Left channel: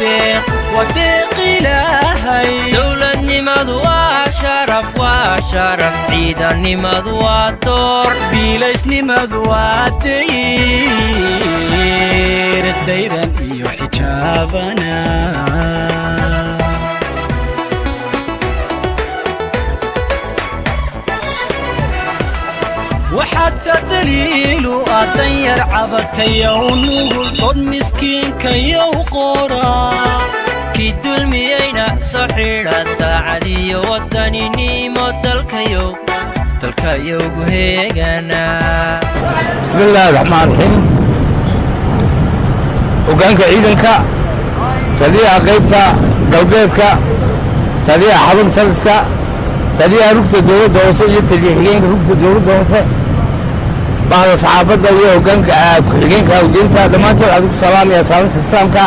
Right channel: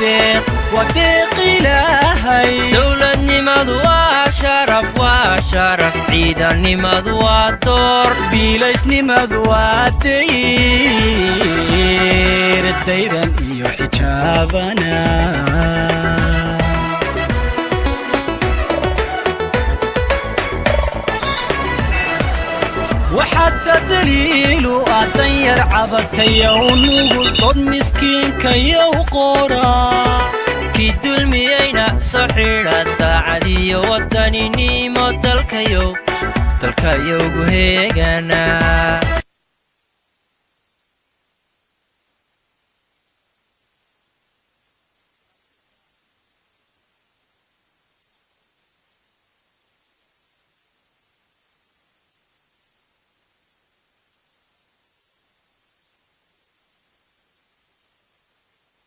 وديق إلهي دولة نمد وشرف عيدا نمد ودور بيليس نمد ودير الديران إيو حجابنا وحتى دليل أطير عبتي ونقول ضد مسكين كي وقورا كي دلمينا صحيرة تعدي ودني نيمو دلكيو قهيقنا بسم الله الرحمن الرحيم وقانك عيدنك سديها قيبتا قلبيتك سديها حضن ثلسك سديها ركت الدولة دوسة يتجيحين ركت الدولة دوسة بعد صحابة وقانك كحيقينك ودينتا دمانتو عليكم السلام يا سلامة إسلامك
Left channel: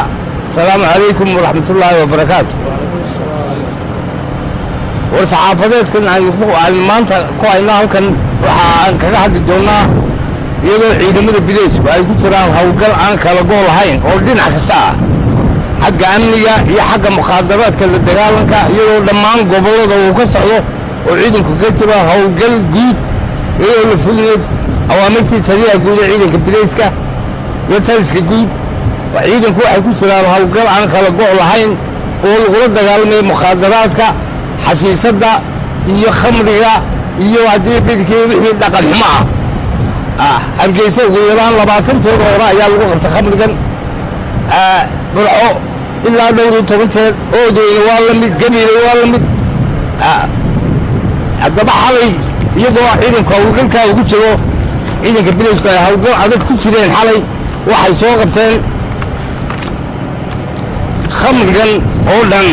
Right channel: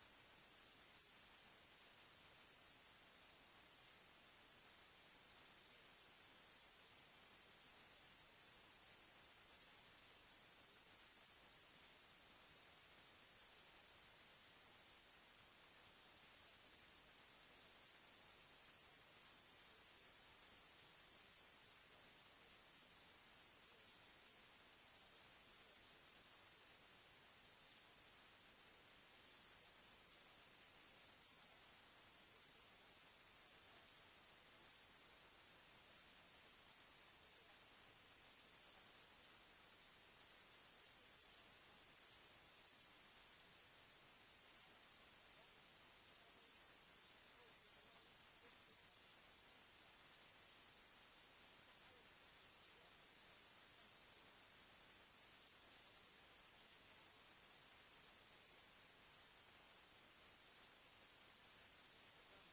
السلام عليكم ورحمة الله وبركاته والصحافة كان عن المانتا كوينا كان كحد الدولة يلو عيدمد البليس وأي كنت راه هوقل عن كلا قول هين أردين عكستا حق أمنية هي حق مخدرات كل الدجالنك يلو دمان قبله وكسره وعيدك كتبه هوقل جود يلو الفلنيد أوامرتي تريها جود عيدك البليس كا يترسك جود وعيدك واحد كنت راه هوقل عن كلا قول هين والغرض دجالمي مخدرات كا حسيسة دا يخمرها يوادي بدك يبي دقل معه hargeysa ugu yaraan 20 jeer oo ayaa lagu qabtay khamrigan burco ilaa 12 jeer oo doona waa la mid gabiil waa la mid hadaba xalay iyadoo ciidanka hawlgalka ugu jiro ciidanka bilisku ay hawlgal adag ku jireen xalay waxay soo qabteen khamrigan oo dhan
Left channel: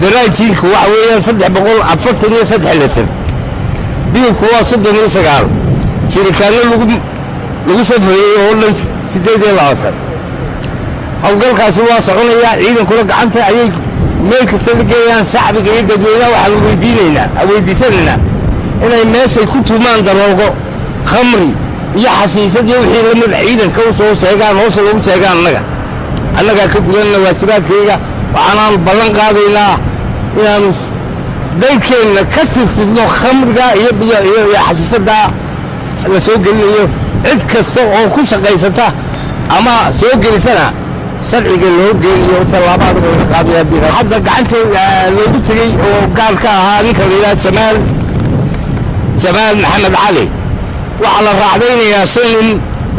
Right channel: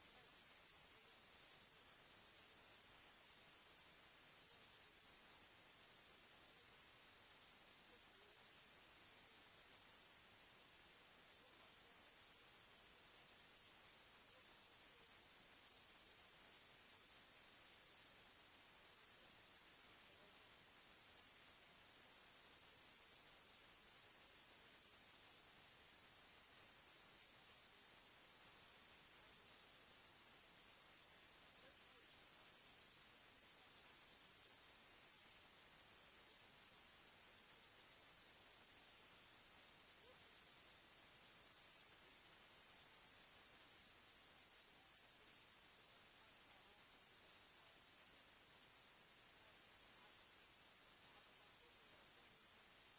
daraajilku waxa weeyaan 343 litir biilku waa 39 شركانه لو سفريي oo la 8 hawlgalkaasi waa soconaya ciidanku gacanta ayay meel kasta lageeyaan shacbiga iyo dadweynaha waxa lagu weydiisanayna inay meeshay ku tuumaan daroogo khamri iyo xasiisad iyo wixii la mid ciidanka u soo sheegaan oo soo lagu sheegaan annaga ka gudanna waajibaadkayga waxaan ballan qaadaynaa inaan dalkeena ka tirtirno khamriga iyo xasiisada la soo gelinayo cid kasta oo ku shaqaysata ama soo gelisana sharciga loo geeyo talaabada laga qaadayo hadda gacanta loogu tagay oo gaar ka ahaa ninka la yiraahdo Jamaal Maxamed Cali waxa la raacdaynayaa shan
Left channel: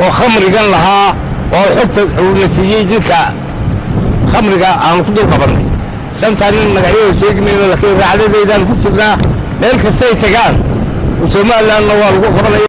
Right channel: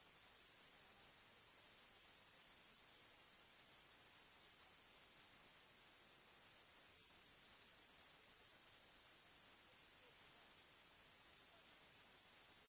oo khamrigan lahaa oo xogta uu nasiiyay ninka khamriga aan ku dul qabanay santaan magacyada sheegmayno laakiin raacdadeedan ku jirnaa meel kasta ay tagaan Soomaaliland waa lagu qabanay